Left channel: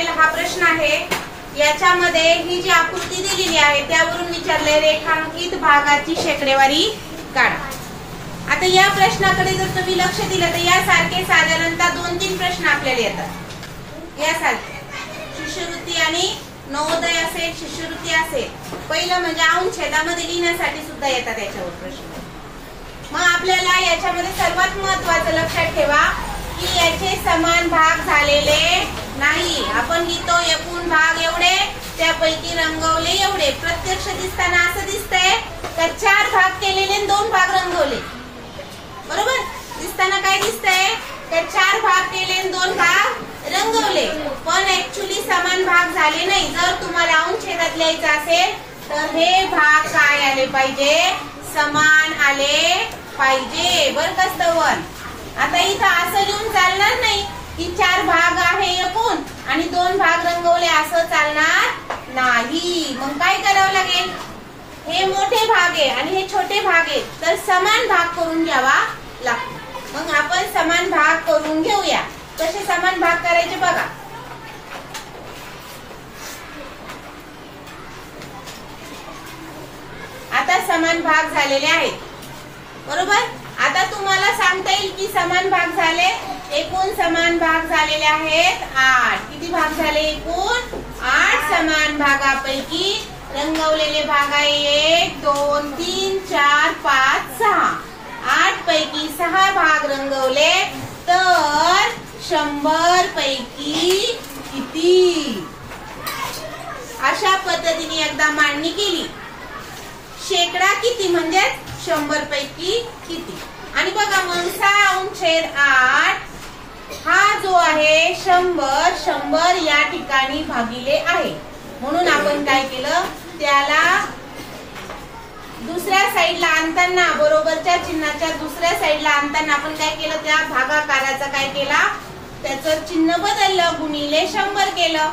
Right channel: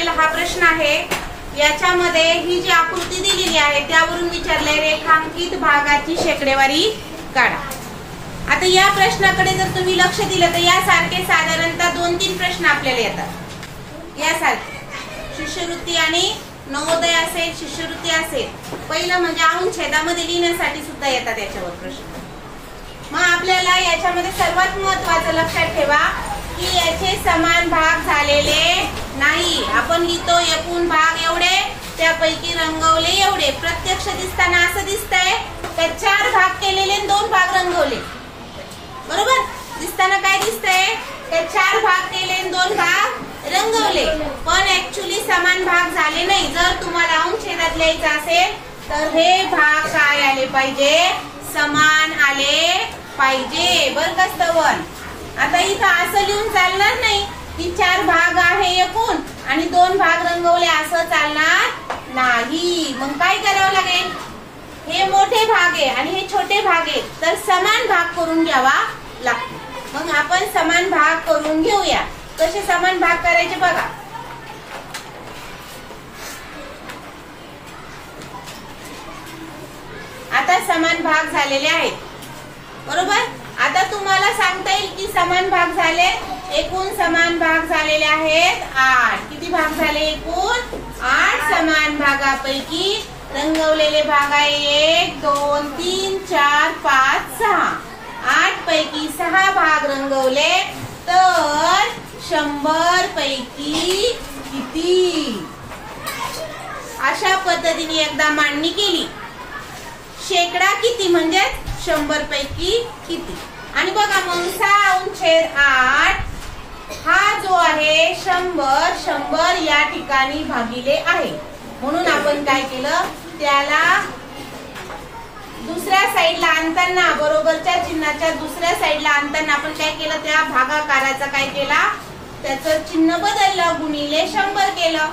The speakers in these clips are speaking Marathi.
आलेला हा प्रश्न आहे. याच्यामध्ये ही जी आकृती दिलेली आहे त्यावरून विचारलंय रेखांकित भागाची शेकडेवारी काढा. आता या प्रश्नाकडे जर तुम्ही लक्ष दिलं तर यासारखे साधारणतः 2-3 प्रश्न आपल्याला येतात. यासारखे शिष्यवृत्ती आणि नवोदय असेल, शिष्यवृत्ती असेल. पहिलं म्हणजे अंशछेदामध्ये लिहिण्यासाठी सुद्धा येतात याच्यावर प्रश्न. मग आपल्याला याच्यामध्ये सर्वात महत्वाचं लक्षात ठेवा की याचे समान भाग झालेले नाही. आपण लिहितो एकूण भाग एवढे, त्यापैकी रंगवले एवढे. प्रत्यक्ष दिसताना असं दिसतंय तर 4 भाग केलेले 2 भाग रंगवले. बरोबर दिसताना काय दिसतंय तर 4 भाग केले 2 भाग रंगवले. पण ऍक्च्युली समान भाग झाले नाही. जर तुम्हाला अंशछेदात लिहायचं असेल तर हे भाग काय आले पाहिजे, समान आले पाहिजे. बरं का स्तवन. आता इथं असं लिहून चालणार नाही की 4 भाग आहे एकूण आणि 2 भाग रंगवले, असं चालणार नाही. मग काय करावं लागेल, हे मोठे भाग आहे आणि हे छोटे भाग आहेत तर समान भाग करून घ्यावा लागतो. मग आपण समान भाग करून घेऊया. कसे समान भाग करायचे बघा. आता समान भाग झालेले आहेत. बरोबर. आता तुम्हाला सांगता येईल की समान भाग झाले. एकूण समान भाग झालेले आहेत 8. किती भाग झाले एकूण? 8 समान भागापैकी रंगवलेले भाग आहे 1, 2, 3, 4, 5, 6. 8 पैकी 6 भाग रंगवले तर 100 पैकी किती? अशा पद्धतीने एकदा मांडणी केली. शेकडा किती म्हणजे 100 पैकी किती. आणि बघा मग 6/8 हा जो आहे 100 या ठिकाणी भागिले आहे. म्हणून आपण काय केलं, त्याला दुसऱ्या साईडला आणताना, बरोबरच्या चिन्हाच्या दुसऱ्या साईडला आणताना आपण काय केलं, त्या भागाकाराचा काय केला, त्याचं चिन्ह बदललं, गुणिले 100 केलं.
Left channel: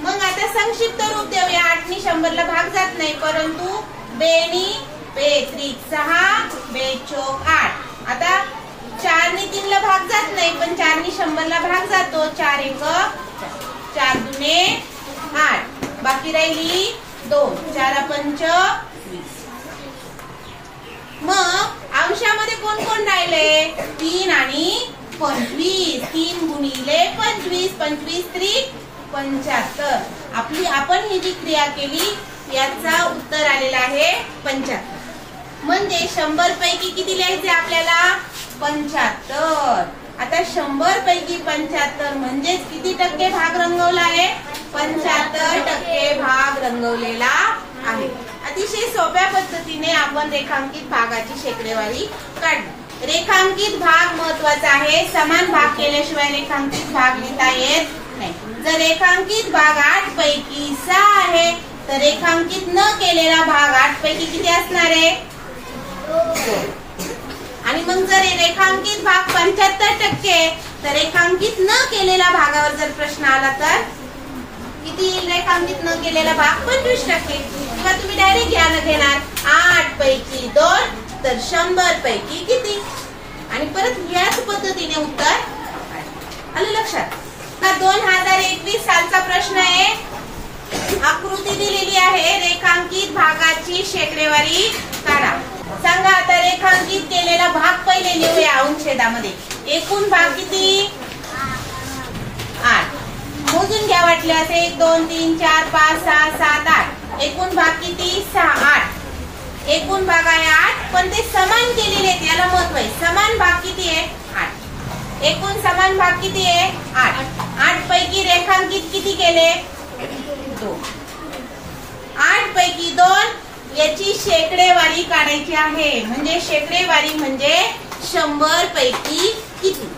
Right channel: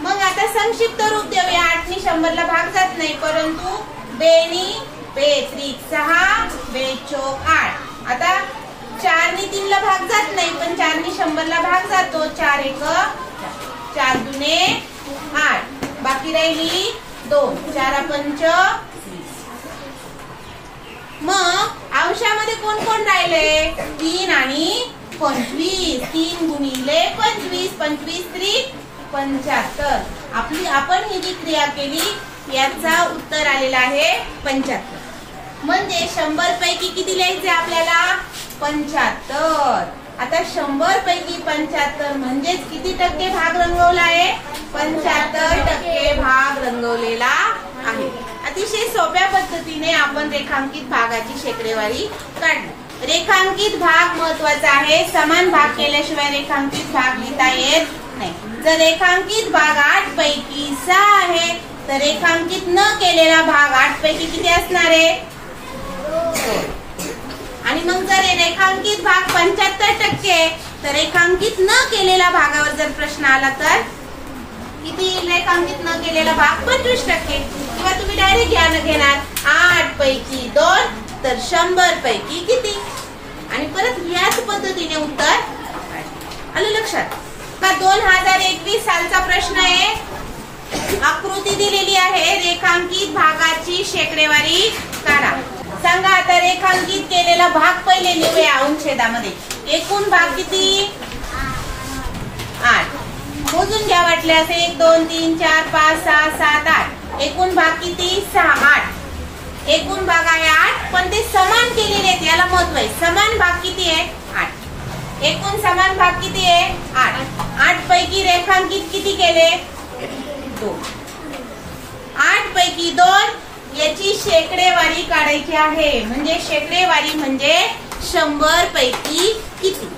मग आता संक्षिप्त रूप देऊया. 8 नी 100 ला भाग जात नाही, परंतु 2 नी 2 6, 2 चौक 8. आता 4 नी 3 ला भाग जात नाही, पण 4 नी 100 ला भाग जातो. 4 1 4 2 8. बाकी राहिली 2. 4 5 20. मग अंशामध्ये कोण कोण राहिले, 3 आणि 25. 3 गुणिले 25, 25 3 75. आपण ही जी क्रिया केली याचा उत्तर आलेला आहे 75. म्हणजे 100 पैकी किती लिहायचे आपल्याला, 75. आता 100 पैकी 75 म्हणजे किती टक्के भाग रंगवला आहे, 75% भाग रंगवलेला आहे. अतिशय सोप्या पद्धतीने आपण रेखांकित भागाची शेकडेवारी काढली. रेखांकित भाग महत्वाचा आहे. समान भाग केल्याशिवाय रेखांकित भाग लिहिता येत नाही. जर रेखांकित भाग 8 पैकी 6 आहे तर रेखांकित न केलेला भाग 8 पैकी किती असणार आहे, 2. आणि मग जर रेखांकित भाग 75% तर रेखांकित न केलेल्या भागावर जर प्रश्न आला तर किती रेखांकित न केलेला भाग 25%. किंवा तुम्ही डायरेक्ट घेणार 8 पैकी 2 तर 100 पैकी किती. आणि परत याच पद्धतीने उत्तर आलं लक्षात. 2021 सालचा प्रश्न आहे. आकृती दिलेली आहे, रेखांकित भागाची शेकडेवारी काढा. सांगा आता रेखांकित केलेला भाग पहिले लिहूया अंशछेदामध्ये. एकूण भाग किती, 8. मोजून घ्या वाटल्यास 1 2 3 4 5 6 7 8. एकूण भाग किती, 6 8. एकूण भाग आहे 8 पण ते समान केलेले आहेत, याला महत्व आहे. समान भाग किती आहे, 8. एकूण समान भाग किती आहे, 8. 8 पैकी रेखांकित किती केले, 2. 8 पैकी 2 याची शेकडेवारी काढायची आहे. म्हणजे शेकडेवारी म्हणजे 100 पैकी किती.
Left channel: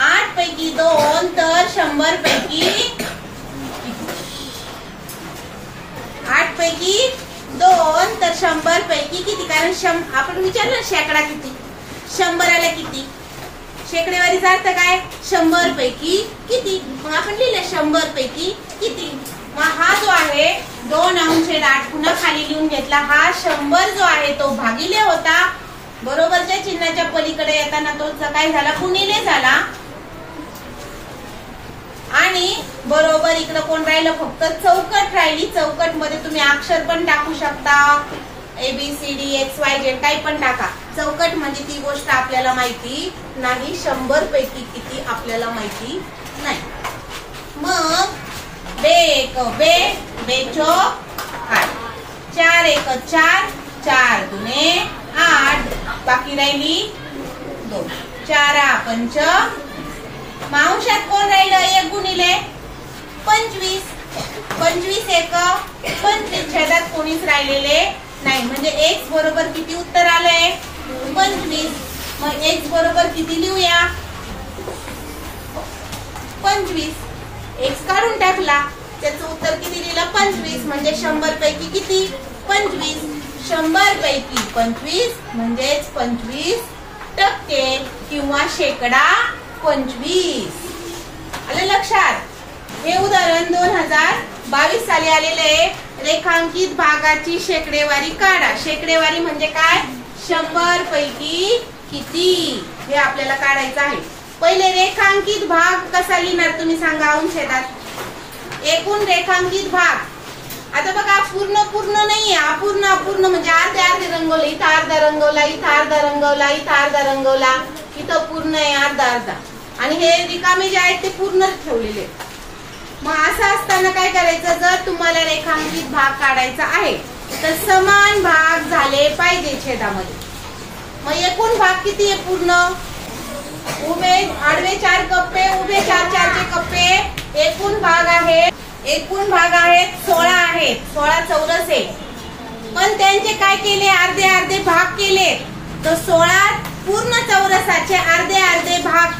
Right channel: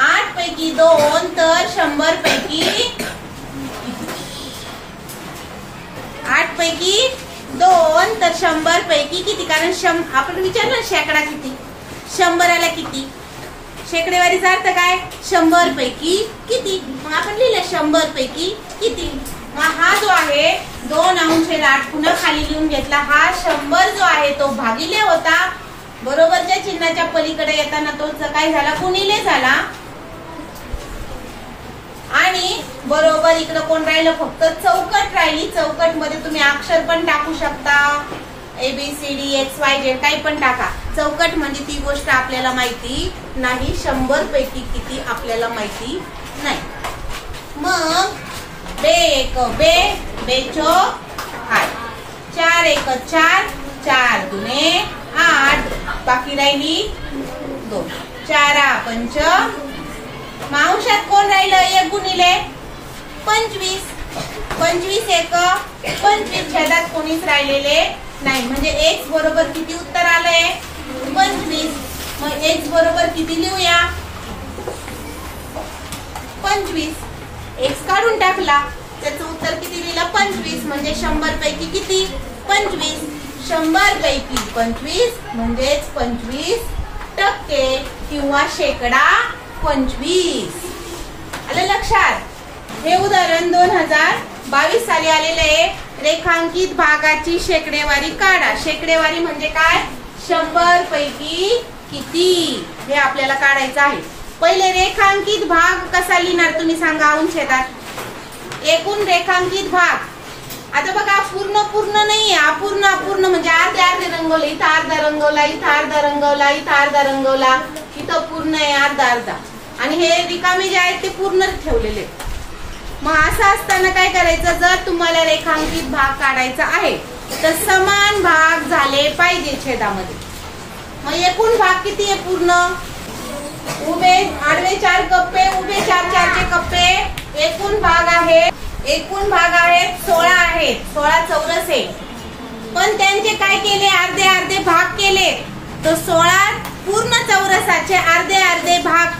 8 पैकी 2 तर 100 पैकी 8 पैकी 2 तर 100 पैकी किती. कारण आपण विचारलं शेकडा किती, 100ला किती. शेकडेवारीचा अर्थ काय, 100 पैकी किती. मग आपण लिहिलं 100 पैकी किती. मग हा जो आहे 2/8 पुन्हा खाली लिहून घेतला. हा 100 जो आहे तो भागिले होता, बरोबरच्या चिन्हाच्या पलीकडे येताना तो काय झाला, गुणिले झाला. आणि बरोबर इकडे कोण राहिलं, फक्त चौकट राहिली. चौकट मध्ये तुम्ही अक्षर पण टाकू शकता, ABCD XYZ काही पण टाका. चौकट म्हणजे ती गोष्ट आपल्याला माहिती नाही, 100 पैकी किती आपल्याला माहिती नाही. मग बे एक बे, बेचो 8, 4 एक 4, 4 दुने 8, बाकी राहिली 2, 4 पंच. मावशात कोण राहिलं, 1 गुणिले 25, 25 एक 25, छेदात कोणीच राहिलेले नाही. म्हणजे x बरोबर किती उत्तर आलंय, 25. मग x बरोबर किती लिहूया, 25. x काढून टाकला, त्याचं उत्तर किती लिहिलं, 25. म्हणजे 100 पैकी किती, 25. 100 पैकी 25 म्हणजेच 25% किंवा शेकडा 25. आलं लक्षात. हे उदाहरण 2022 साली आलेले. रेखांकित भागाची शेकडेवारी काढा. शेकडेवारी म्हणजे काय, 100 पैकी किती, हे आपल्याला काढायचं आहे. पहिले रेखांकित भाग कसा लिहिणार तुम्ही सांगा अंशेदात. एकूण रेखांकित भाग. आता बघा पूर्ण नाहीये, अपूर्ण म्हणजे अर्धे रंगवलं, इथं अर्धा रंगवला, इथं अर्धा रंगवला, इथं अर्धा रंगवला, इथं पूर्ण आहे अर्धा. आणि हे रिकामे जे आहेत ते पूर्ण ठेवलेले. मग असं असताना काय करायचं, जर तुम्हाला रेखांकित भाग काढायचा आहे तर समान भाग झाले पाहिजे छेदामध्ये. मग एकूण भाग किती आहे पूर्ण, उभे आडवे 4 कप्पे, उभे 4 कप्पे. एकूण भाग आहेत 16 आहेत, 16 चौरस आहे. पण त्यांचे काय केले, अर्धे भाग केले. तर 16 पूर्ण चौरसाचे अर्धे भाग,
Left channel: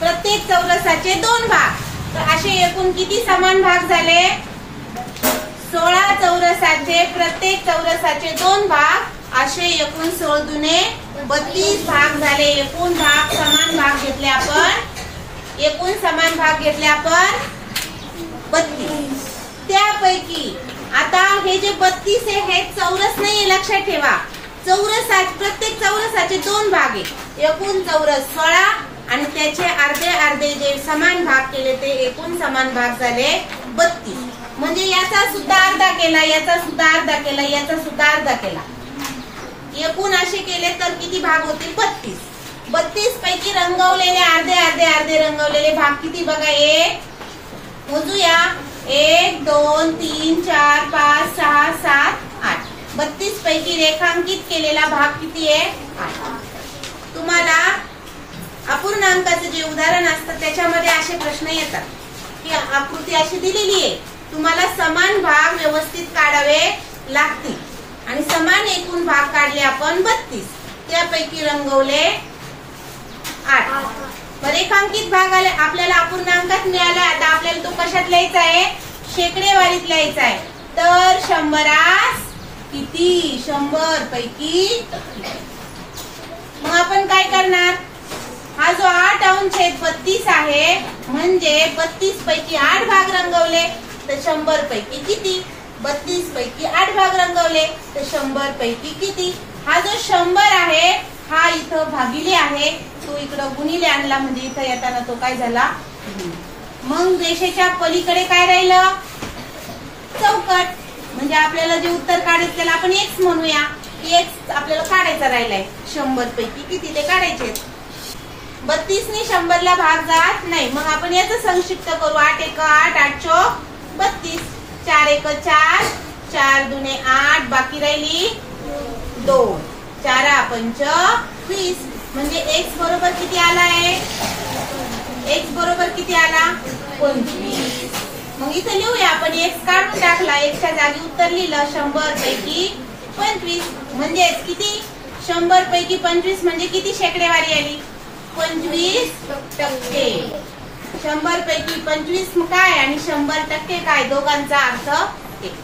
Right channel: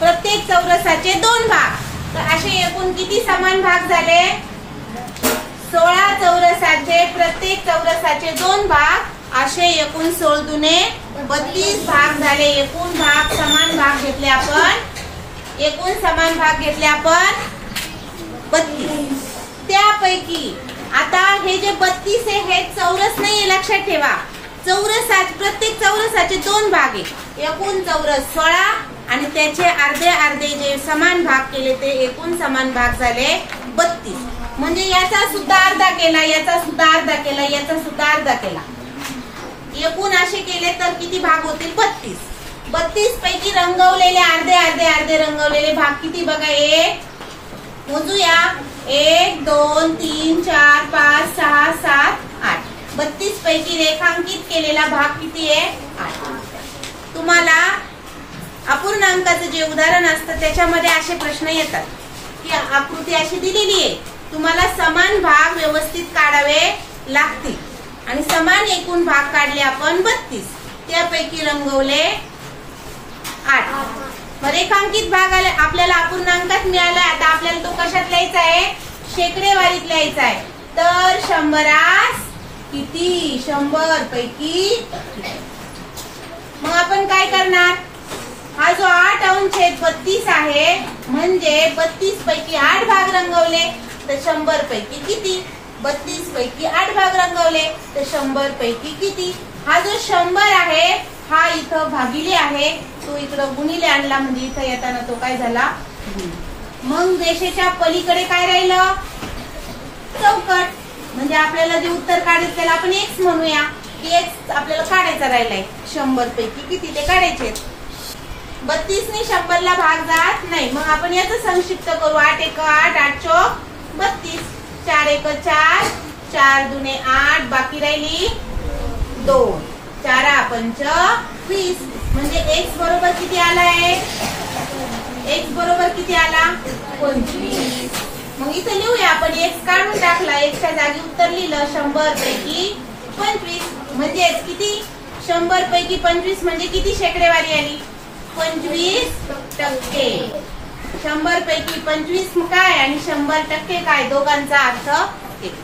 प्रत्येक चौरसाचे 2 भाग. तर असे एकूण किती समान भाग झाले, 16 चौरसाचे प्रत्येक चौरसाचे 2 भाग. असे एकूण 16 दुने 32 भाग झाले. एकूण भाग समान भाग घेतले आपण, एकूण समान भाग घेतले आपण 32. त्यापैकी आता हे जे 32 आहे हे चौरस नाही, लक्षात ठेवा. प्रत्येक चौरसाचे 2 भाग आहे. एकूण चौरस 16 आणि त्याचे अर्धे जे समान भाग केले ते एकूण समान भाग झाले 32. म्हणजे याचा सुद्धा अर्धा केला, याचा सुद्धा अर्धा केला, याचा सुद्धा अर्धा केला. एकूण असे केले तर किती भाग होतील, 32. 32 पैकी रंगवलेले अर्धे रंगवलेले भाग किती बघा, एक मोजूया, 1 2 3 4 5 6 7 8. 32 पैकी रेखांकित केलेला भाग किती आहे, 8. तुम्हाला अपूर्णांकाचं जे उदाहरण असतं त्याच्यामध्ये असे प्रश्न येतात की आकृती अशी दिलेली आहे, तुम्हाला समान भाग व्यवस्थित काढावे लागतील. आणि समान एकूण भाग काढले आपण 32, त्यापैकी रंगवले 8. रेखांकित भाग आपल्याला अपूर्णांकात मिळाला. आता आपल्याला तो कशात लिहायचा आहे, शेकडेवारीत लिहायचा आहे. तर 100 किती, 100 पैकी. मग आपण काय करणार, हा जो 8 अंश 32 आहे म्हणजे 32 पैकी 8 भाग रंगवले तर 100 पैकी किती, 32 पैकी 8 भाग रंगवले तर 100 पैकी किती. हा जो 100 आहे हा इथं भागिले आहे, तो इकडं गुणिले आणला म्हणजे इथं येताना तो काय झाला. मग रेषेच्या पलीकडे काय राहिलं, चौकट. म्हणजे आपल्याला जे उत्तर काढायचं त्याला आपण x म्हणूया, की x आपल्याला काढायचा राहिलाय. 100 पैकी किती ते काढायचे. 32 ने 100 ला भाग जात नाही. मग आपण याचं संक्षिप्त करू, 8 एक 8, 8 चौक 32, 4 एक 4, 4 दुने 8, बाकी राहिली 2, 4 पंच 20. म्हणजे x बरोबर किती आलाय, x बरोबर किती आला, 25. मग इथे लिहूया आपण, x काढून टाकला, x च्या जागी उत्तर लिहिलं 100 पैकी 25. म्हणजे किती, 100 पैकी 25 म्हणजे किती शेकडेवारी आली, 25%. 100 पैकी 25 काय आणि 100% काय, दोघांचा अर्थ एक.